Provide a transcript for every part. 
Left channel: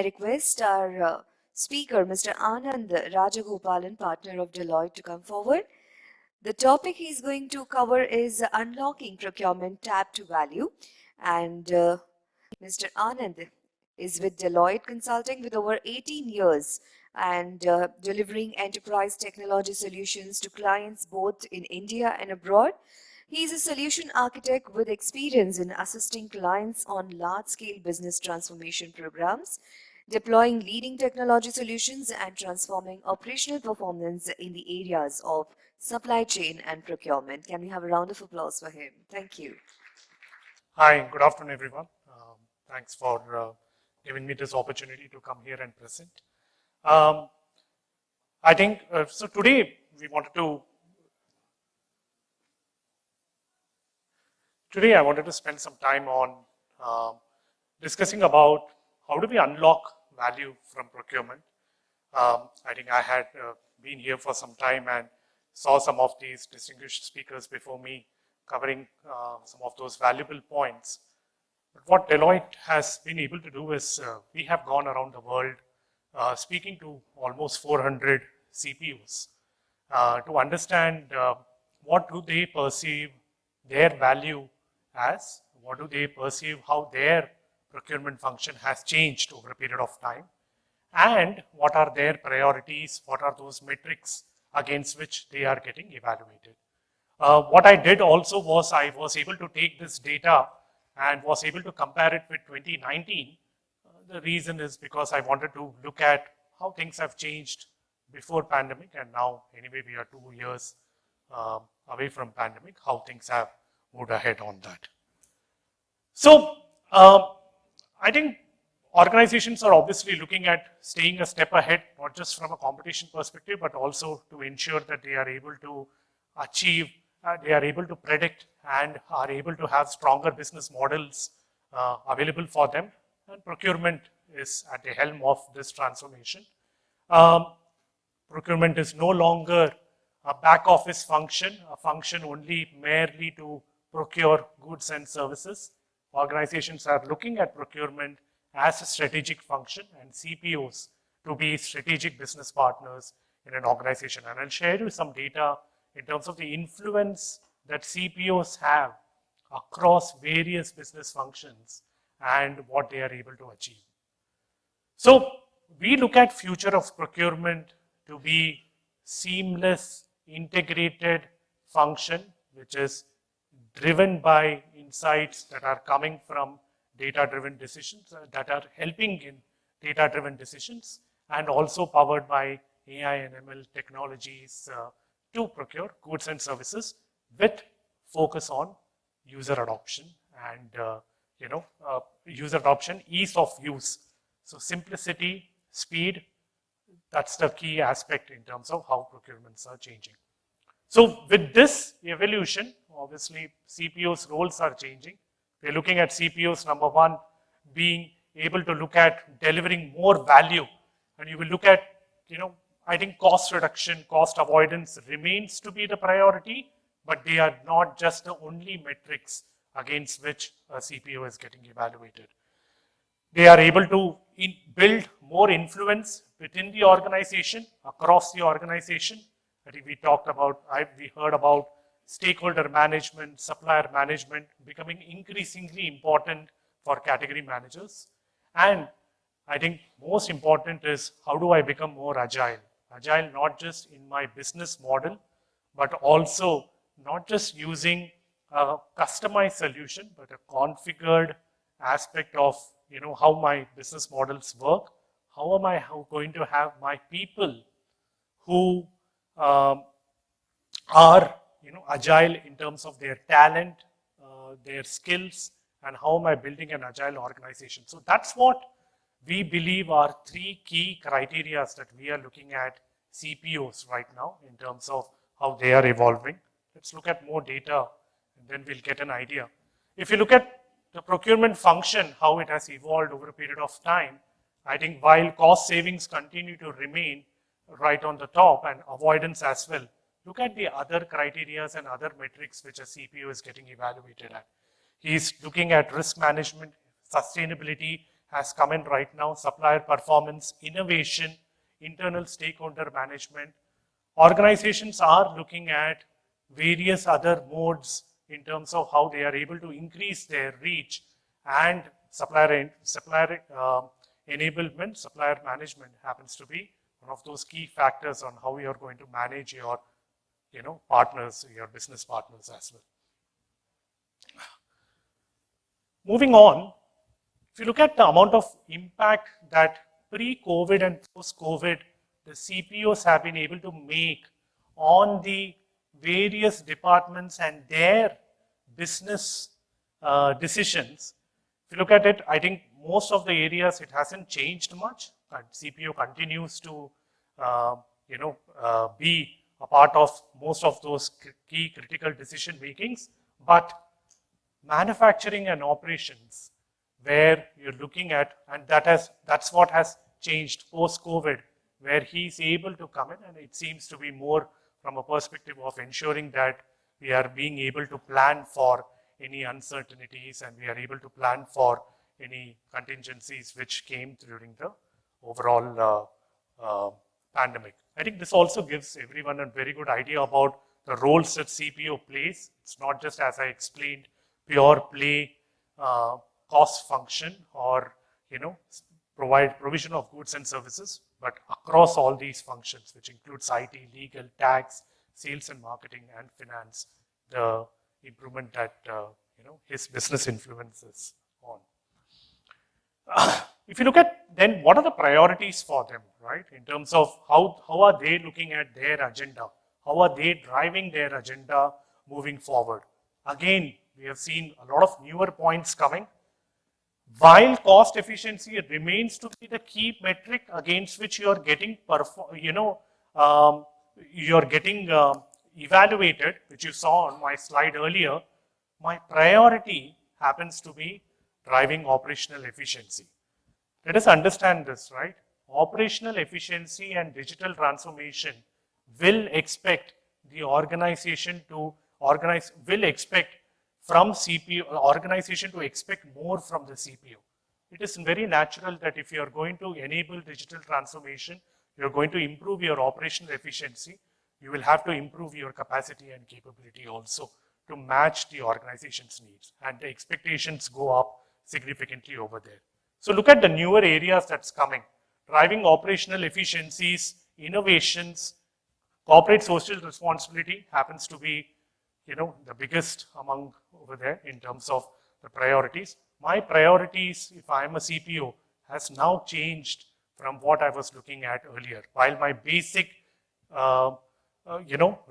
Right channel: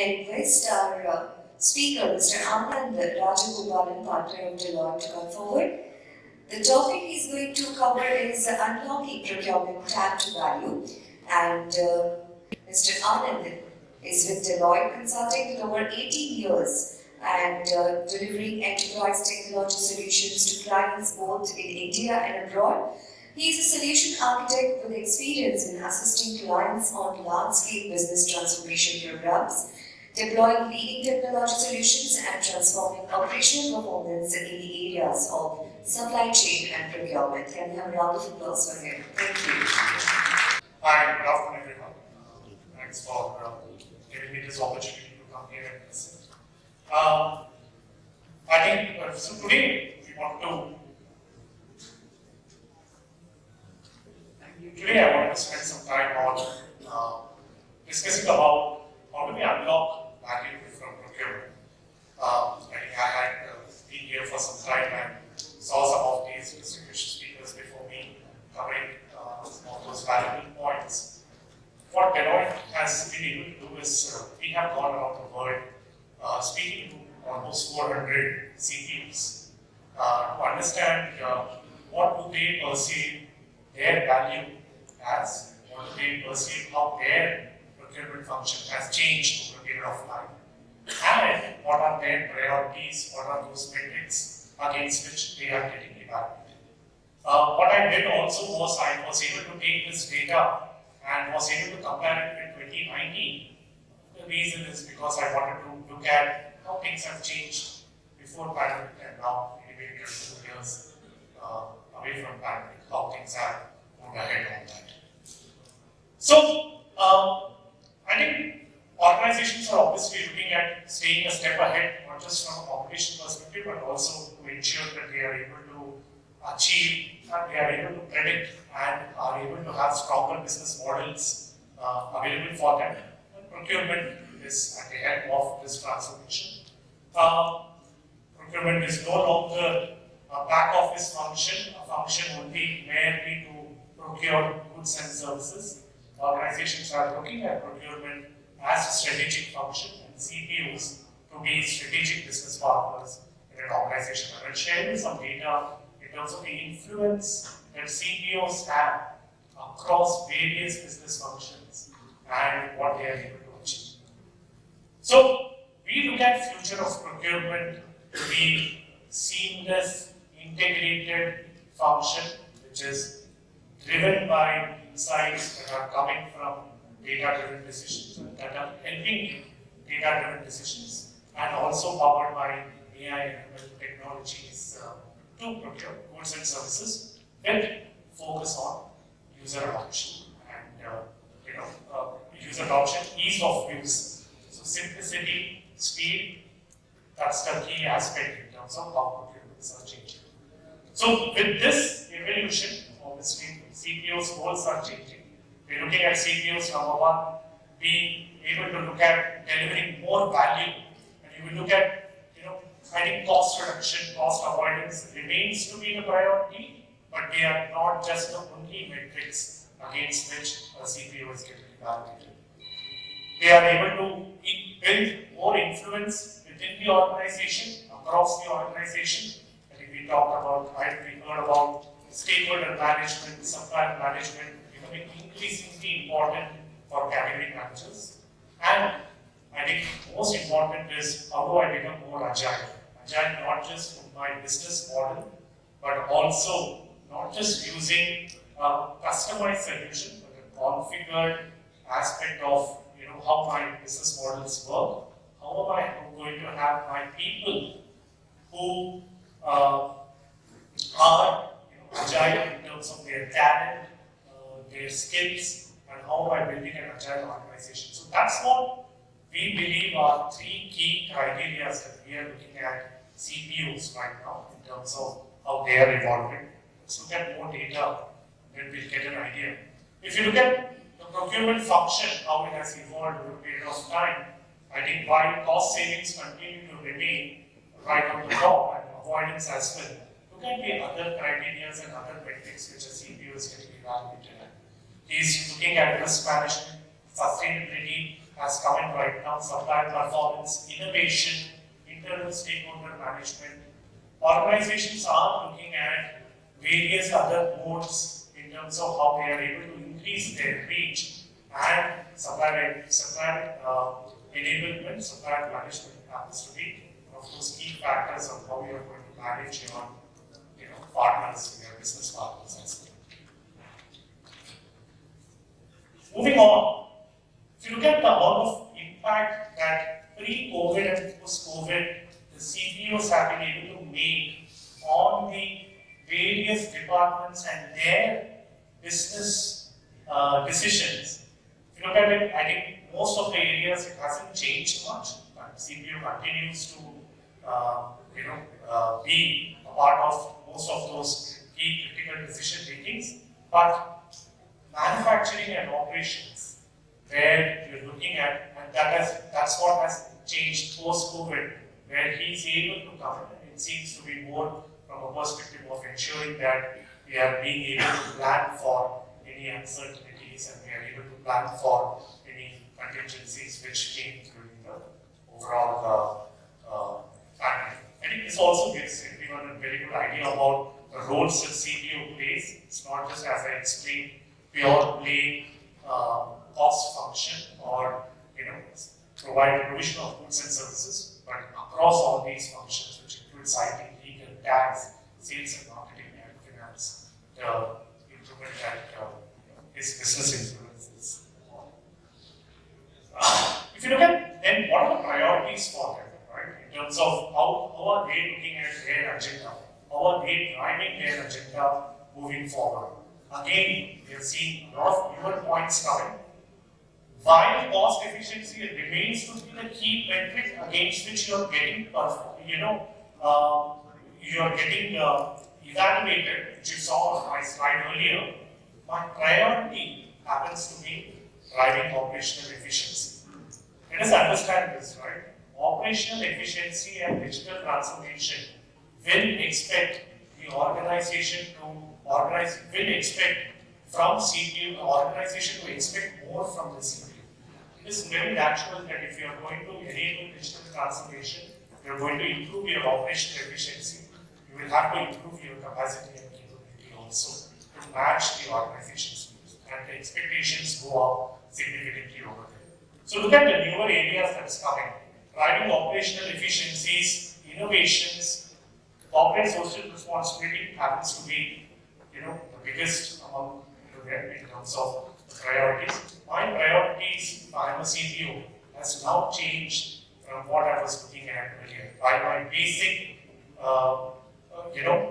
I request our speaker, Mr. Anand Rajagopalan, partner of Deloitte, to come forward. The topic he's going to cover is unlocking procurement tag to value, and Mr. Anand is with Deloitte Consulting with over 18 years and delivering enterprise technology solutions to clients both in India and abroad. He is a solution architect with experience in assisting clients on large-scale business transformation programs, deploying leading technology solutions and transforming operational performance in the areas of supply chain and procurement. Can we have a round of applause for him? Thank you. Hi, good afternoon, everyone. Thanks for giving me this opportunity to come here and present. I think, so today I wanted to spend some time on discussing about how do we unlock value from procurement. I think I had been here for some time and saw some of these distinguished speakers before me covering some of those valuable points. What Deloitte has been able to do is we have gone around the world speaking to almost 400 CPOs to understand what do they perceive their value as, what do they perceive how their procurement function has changed over a period of time, and what are their priorities, what are those metrics against which they are getting evaluated. What I did also was I was able to take this data and was able to compare it with 2019. The reason is because I wanted to look at how things have changed before pandemic and now. Anyway, we are 2 years away from pandemic, how things have moved ahead on that. So, I think organizations are obviously looking at staying a step ahead, not just from a competition perspective, but also to ensure that they are able to achieve, they are able to predict and are able to have stronger business models available for them. Procurement is at the help of this transformation. Procurement is no longer a back office function, a function only merely to procure goods and services. Organizations are looking at procurement as a strategic function and CPOs to be strategic business partners in an organization. And I'll share you some data in terms of the influence that CPOs have across various business functions and what they are able to achieve. So we look at future of procurement to be seamless, integrated function, which is driven by insights that are coming from data-driven decisions and that are helping data-driven decisions, and also powered by AI and ML technologies to procure goods and services with focus on user adoption and user adoption, ease of use. So simplicity, speed, that's the key aspect in terms of how procurements are changing. So with this evolution, obviously CPOs' roles are changing. We're looking at CPOs, number one, being able to look at delivering more value. And you will look at, I think cost reduction, cost avoidance remains to be the priority, but they are not just the only metrics against which a CPO is getting evaluated. They are able to build more influence within the organization, across the organization. I think we heard about stakeholder management, supplier management becoming increasingly important for category managers. And I think most important is how do I become more agile? Agile not just in my business model, but also not just using a customized solution, but a configured aspect of how my business models work. How am I going to have my people who are agile in terms of their talent, their skills, and how am I building an agile organization? So that's what we believe are three key criteria that we are looking at CPOs right now in terms of how they are evolving. Let's look at more data, then we'll get an idea. If you look at the procurement function, how it has evolved over a period of time, I think while cost savings continue to remain right on the top and avoidance as well, look at the other criteria and other metrics which a CPO is getting evaluated at. He's looking at risk management, sustainability has come in right now, supplier performance, innovation, internal stakeholder management. Organizations are looking at various other modes in terms of how they are able to increase their reach, and supplier enablement, supplier management happens to be one of those key factors on how you are going to manage your partners, your business partners as well. Moving on, if you look at the amount of impact that pre-COVID and post-COVID the CPOs have been able to make on the various departments and their business decisions. If you look at it, I think most of the areas it hasn't changed much. CPO continues to be a part of most of those key critical decision makings, but manufacturing and operations, where you're looking at, and that's what has changed post-COVID, where he's able to come in. It seems to be more from a perspective of ensuring that we are being able to plan for any uncertainties and we are able to plan for any contingencies which came during the overall pandemic. I think this also gives everyone a very good idea about the roles that CPO plays. It's not just, as I explained, pure play cost function or provide provision of goods and services, but across all these functions, which includes IT, legal, tax, sales and marketing, and finance, the improvement that his business influences on. If you look at then what are the priorities for them, right? In terms of how are they looking at their agenda? How are they driving their agenda moving forward? Again, we have seen a lot of newer points coming. While cost efficiency remains to be the key metric against which you are getting evaluated, which you saw on my slide earlier, my priority happens to be driving operational efficiency. Let us understand this, right? Operational efficiency and digital transformation will expect the organization to from CPO, organization to expect more from the CPO. It is very natural that if you are going to enable digital transformation, you are going to improve your operational efficiency, you will have to improve your capacity and capability also to match the organization's needs, and the expectations go up significantly over there. So look at the newer areas that's coming. Driving operational efficiencies, innovations, corporate social responsibility happens to be the biggest among over there in terms of the priorities. My priorities, if I am a CPO, has now changed from what I was looking at earlier. While my basic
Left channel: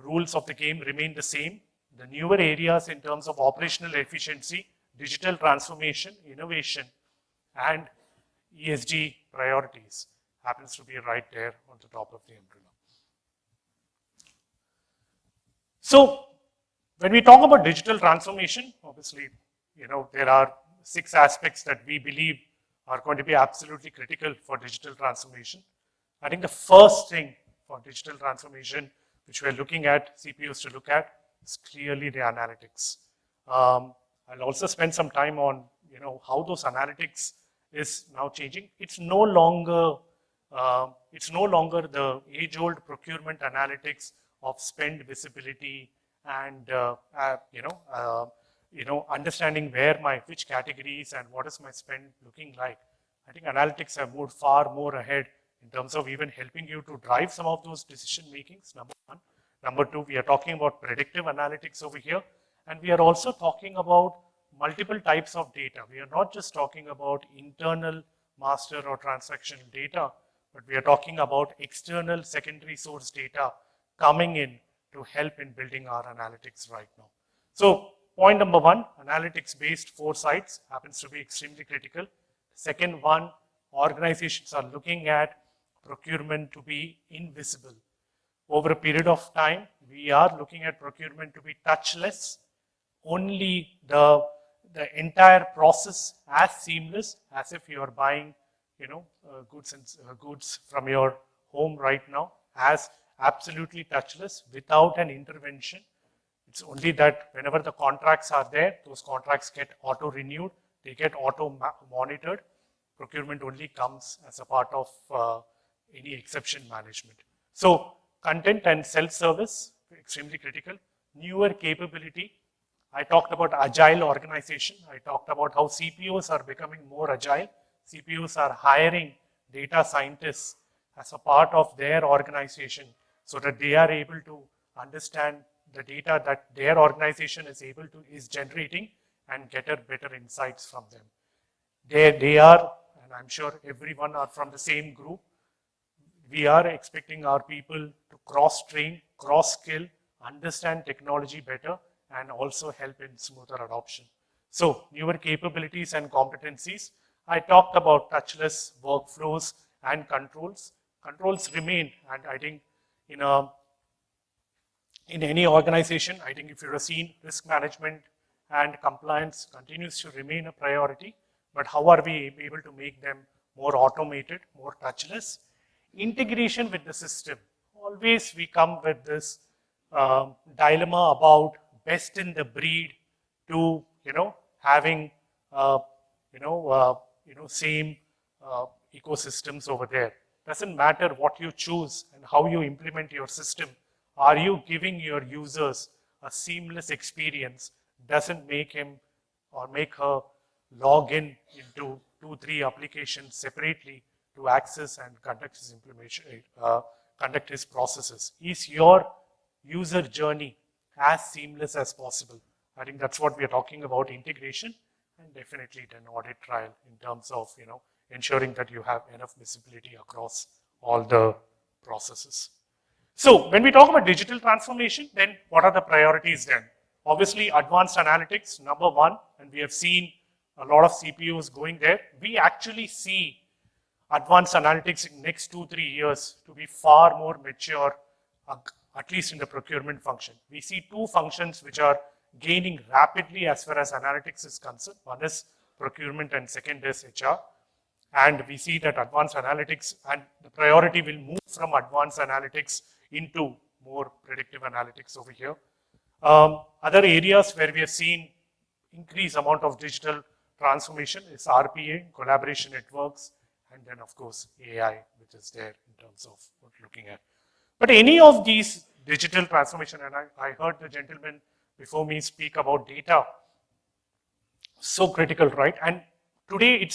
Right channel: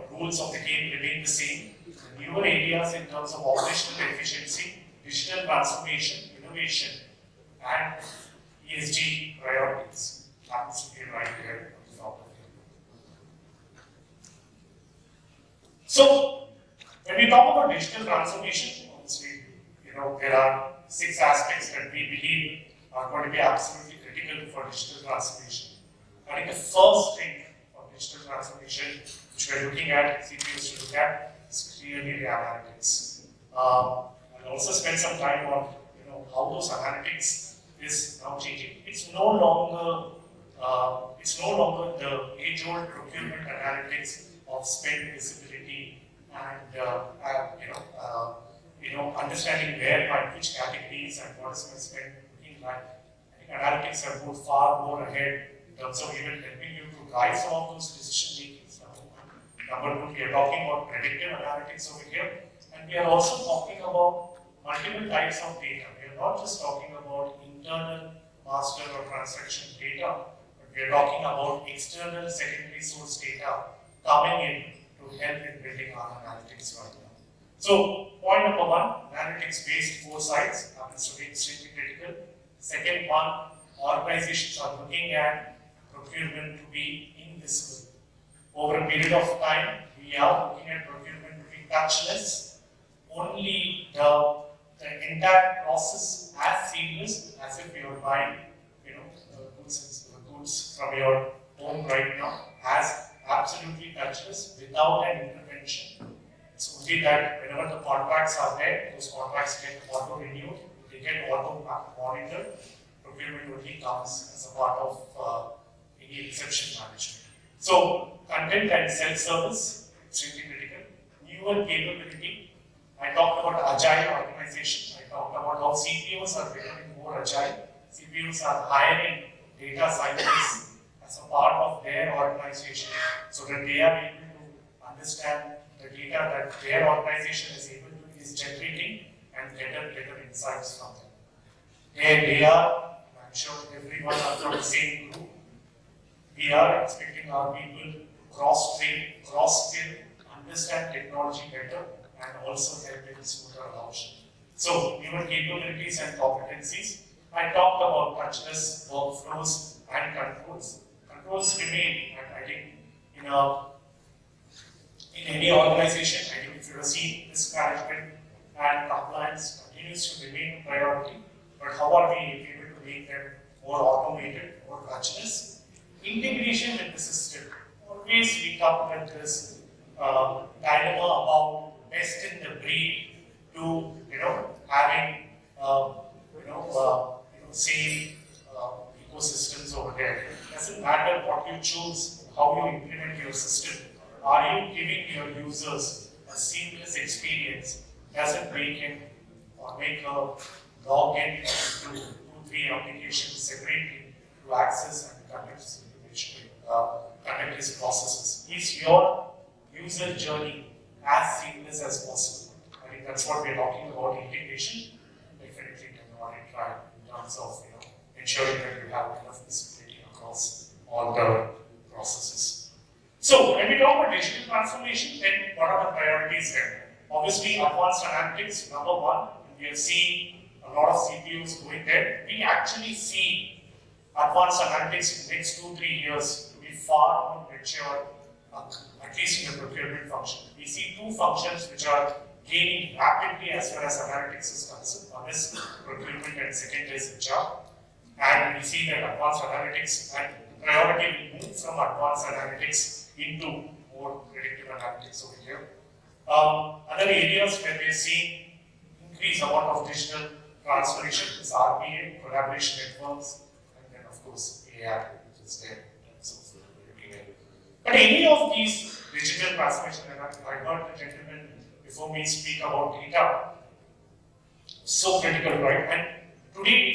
rules of the game remain the same, the newer areas in terms of operational efficiency, digital transformation, innovation, and ESG priorities happens to be right there on top of the group. So, when we talk about digital transformation, obviously, there are 6 aspects that we believe are going to be absolutely critical for digital transformation. I think the first thing for digital transformation, which we're looking at, CPOs to look at, is clearly the analytics. I'll also spend some time on how those analytics is now changing. It's no longer the age-old procurement analytics of spend visibility and understanding which categories and what is my spend looking like. I think analytics have moved far more ahead in terms of even helping you to drive some of those decision makings. Number 1. Number 2, we are talking about predictive analytics over here, and we are also talking about multiple types of data. We are not just talking about internal master or transaction data, but we are talking about external secondary source data coming in to help in building our analytics right now. So, point number 1, analytics-based foresights happens to be extremely critical. Second one, organizations are looking at procurement to be invisible. Over a period of time, we are looking at procurement to be touchless. Only the entire process as seamless as if you are buying, goods from your home right now, as absolutely touchless without an intervention. It's only that whenever the contracts are there, those contracts get auto-renewed, they get auto-monitored. Procurement only comes as a part of any exception management. So, content and self-service, extremely critical. Newer capability, I talked about agile organization. I talked about how CPOs are becoming more agile. CPOs are hiring data scientists as a part of their organization so that they are able to understand the data that their organization is generating and get better insights from them. They are, and I'm sure everyone are from the same group, we are expecting our people to cross-train, cross-skill, understand technology better, and also help in smoother adoption. So, newer capabilities and competencies. I talked about touchless workflows and controls. Controls remain, and I think in any organization, I think if you have seen risk management and compliance continues to remain a priority, but how are we able to make them more automated, more touchless? Integration with the system. Always we come with this dilemma about best in the breed to having same ecosystems over there. Doesn't matter what you choose, how you implement your system. Are you giving your users a seamless experience? Does it make him or make her log in to 2-3 applications separately to access and conduct his information, conduct his processes? Is your user journey as seamless as possible? I think that's what we're talking about, integration. Definitely an audit trial in terms of ensuring that you have enough visibility across all the processes. So when we talk about digital transformation, then what are the priorities there? Obviously, advanced analytics, number one, and we have seen a lot of CPUs going there. We actually see advanced analytics in the next 2-3 years to be far more mature, at least in the procurement function. We see two functions which are gaining rapidly as far as analytics is concerned. One is procurement and second is HR. And we see that advanced analytics and priority will move from advanced analytics into more predictive analytics over here. Other areas where we are seeing increased amount of digital transformation is RPA, collaboration networks, and then of course AI, which is there in terms of looking at it. But any of these digital transformation, and I heard the gentleman before me speak about data, so critical, right? And today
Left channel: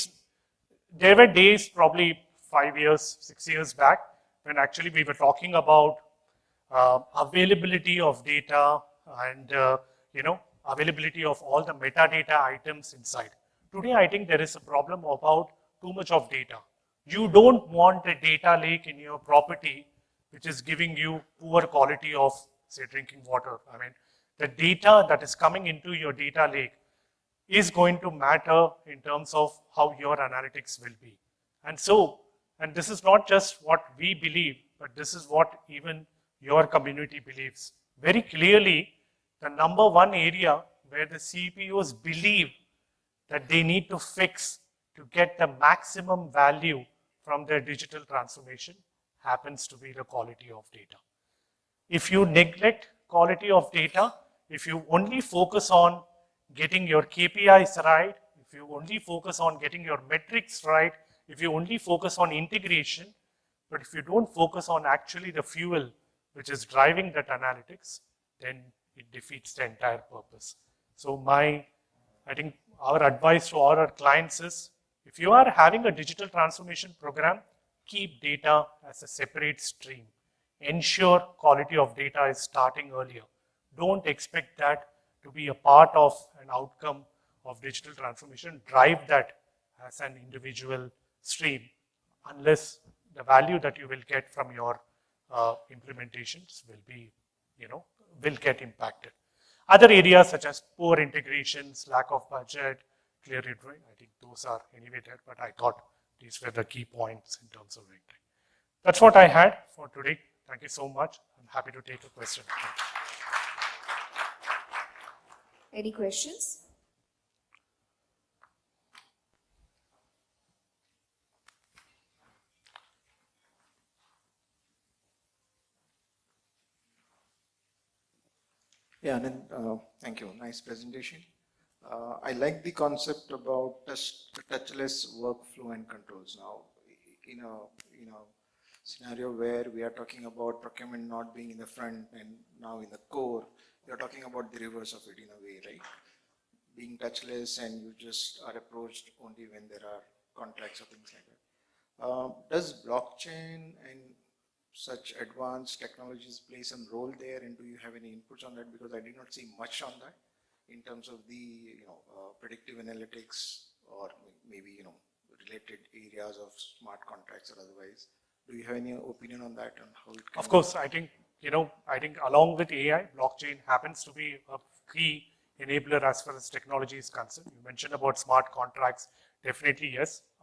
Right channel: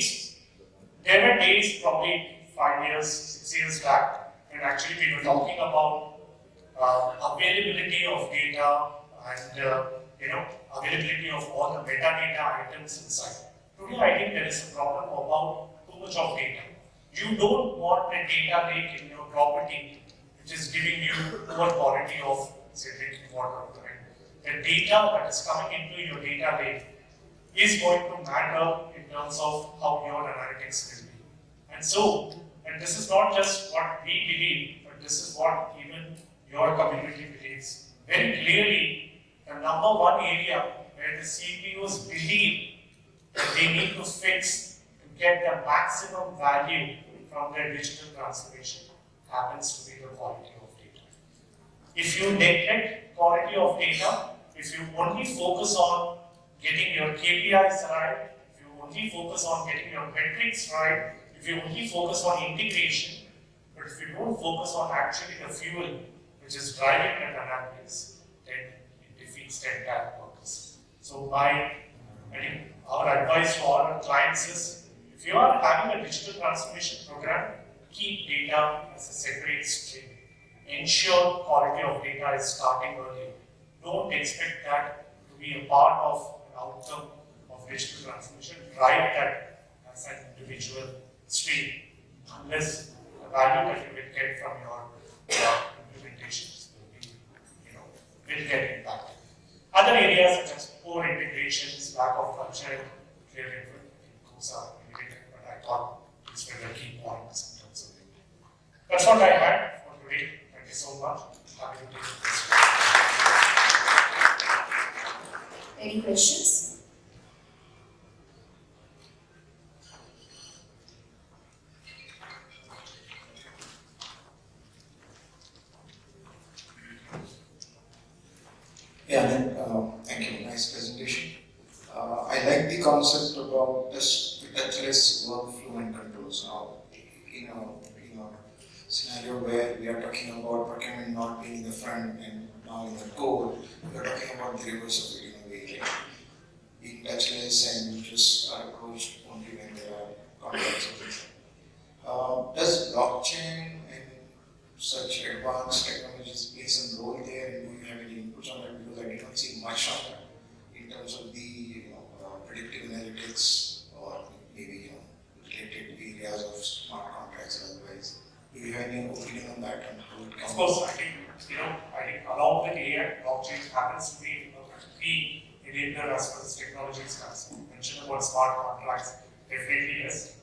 there were days, probably 5 years, 6 years back, when actually we were talking about availability of data and availability of all the metadata items inside. Today, I think there is a problem about too much of data. You don't want a data lake in your property which is giving you poor quality of, say, drinking water. I mean, the data that is coming into your data lake is going to matter in terms of how your analytics will be. And this is not just what we believe, but this is what even your community believes. Very clearly, the number one area where the CPOs believe that they need to fix to get the maximum value from their digital transformation happens to be the quality of data. If you neglect quality of data, if you only focus on getting your KPIs right, if you only focus on getting your metrics right, if you only focus on integration, but if you don't focus on actually the fuel which is driving that analytics, then it defeats the entire purpose. So I think our advice to our clients is, if you are having a digital transformation program, keep data as a separate stream. Ensure quality of data is starting earlier. Don't expect that to be a part of an outcome of digital transformation. Drive that as an individual stream, unless the value that you will get from your implementations will get impacted. Other areas such as poor integrations, lack of budget, clear network, I think those are elevated, but I thought these were the key points in terms of it. That's what I had for today. Thank you so much. Happy to take questions. Any questions? Yeah, thank you. Nice presentation. I like the concept about scenario where we are talking about procurement not being the front and now in the core, we are talking about the reverse of it, like being touchless and just are approached only when there are contracts. Does blockchain and such advanced technologies play some role there, and do you have any inputs on that? Because I don't see much on that in terms of the predictive analytics or maybe related areas of smart contracts. Otherwise, do you have any opinion on that? Of course, I think along with AI, blockchain happens to be a key enabler as far as technology is concerned. You mentioned about smart contracts, definitely yes.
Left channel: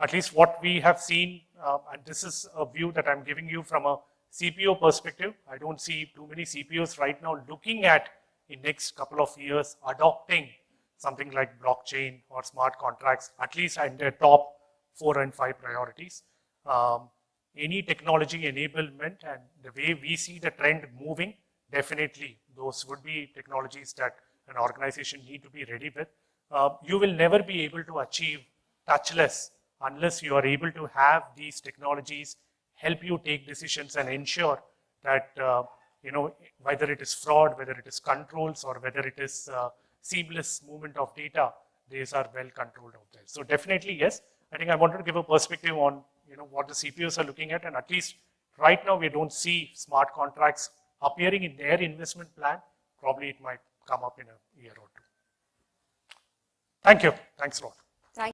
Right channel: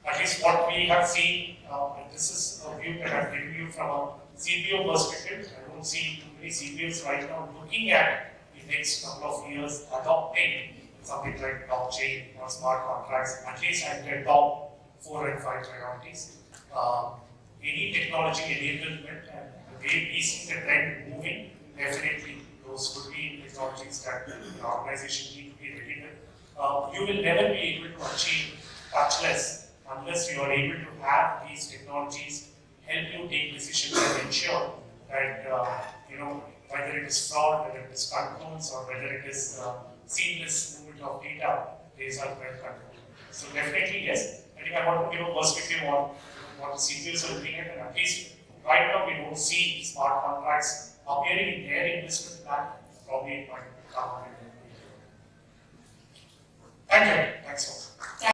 At least what we have seen, and this is a view that I'm giving you from a CPO perspective. I don't see too many CPOs right now looking at in next couple of years adopting something like blockchain or smart contracts, at least at their top 4 and 5 priorities. Any technology enablement and the way we see the trend moving, definitely those would be technologies that an organization need to be ready with. You will never be able to achieve touchless unless you are able to have these technologies help you take decisions and ensure that whether it is fraud, whether it is controls, or whether it is seamless movement of data, these are well controlled. So definitely yes. I think I want to give a perspective on what the CPOs are looking at, and at least right now we don't see smart contracts appearing in their investment plan. Probably it might come up in a year. Thank you. Thanks, folks.